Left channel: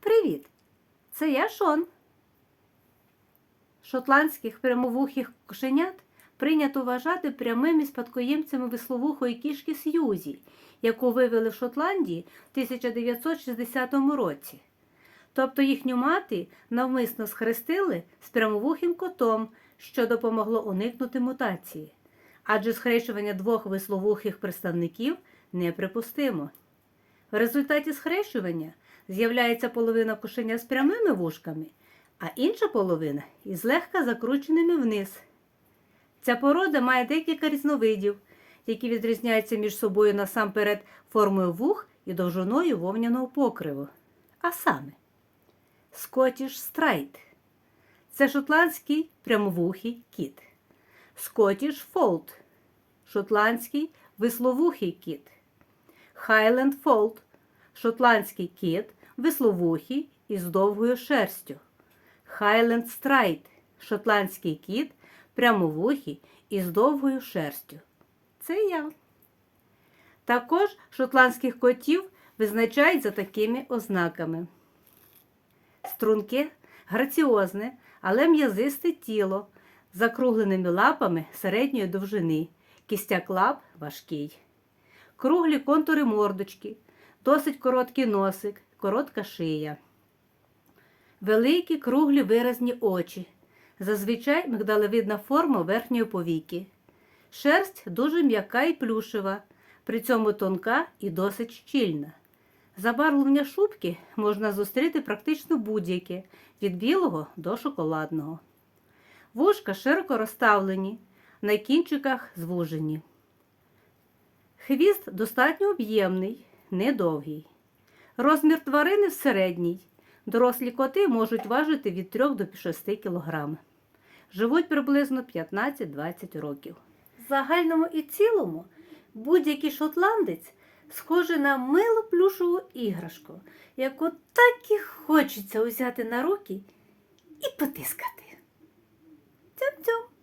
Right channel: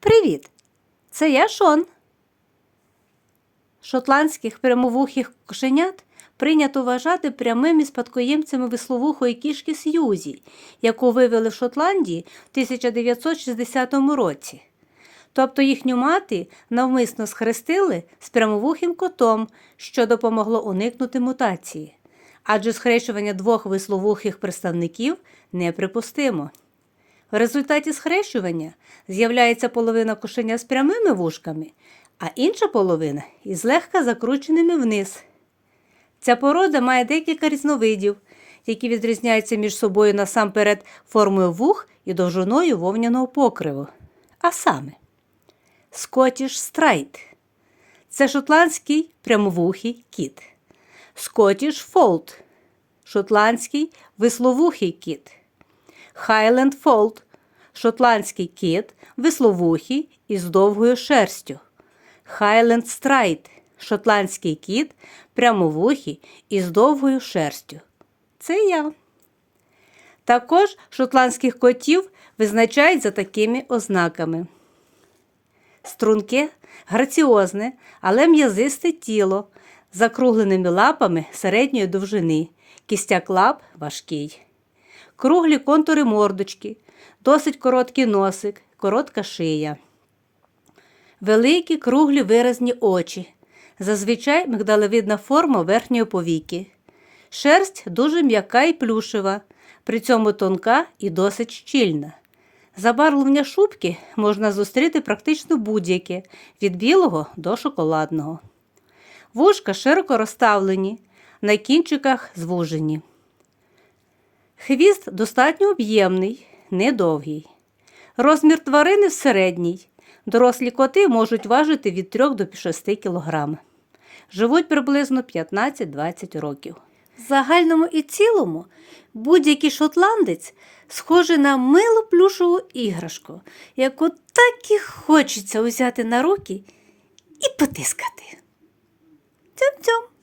Привіт! Це я Шон. Шотландських прямовухих кошенят прийнято вважати прямими спадкоємцями висловухої кішки Сьюзі, яку вивели в Шотландії в 1960 році. Тобто їхню мати навмисно схрестили з прямовухим котом, що допомогло уникнути мутації. Адже схрещування двох висловухих представників неприпустимо. В результаті схрещування з'являється половина кошеня з прямими вушками, а інша половина із легка закрученими вниз. Ця порода має декілька різновидів, які відрізняються між собою насамперед формою вух і довжиною вовняного покриву. А саме Scottish Straight – це шотландський прямовухий кіт. Scottish Fold – шотландський висловухий кіт. Highland Fold – шотландський кіт, висловухий із довгою шерстю. Highland Straight – шотландський кіт, прямовухий із довгою шерстю. Це я. Також шотландських котів визначають за такими ознаками. Струнке, граціозне, але м'язисте тіло закругленими лапами середньої довжини, кістяк лап важкий круглі контури мордочки, досить короткий носик, коротка шия. Великі круглі виразні очі. Зазвичай мигдалевидна форма верхньої повіки. Шерсть дуже м'яка і плюшева, при цьому тонка і досить щільна. Забарвлення шубки можна зустріти практично будь-яке від білого до шоколадного. Вушка широко розставлені, на кінчиках звужені. Хвіст достатньо об'ємний, недовгий. Розмір тварини середній. Дорослі коти можуть важити від 3 до 6 кг. Живуть приблизно 15-20 років. В загальному і цілому будь-який шотландець схожий на милу плюшову іграшку, яку так і хочеться взяти на руки і потискати. Цьом-цьом.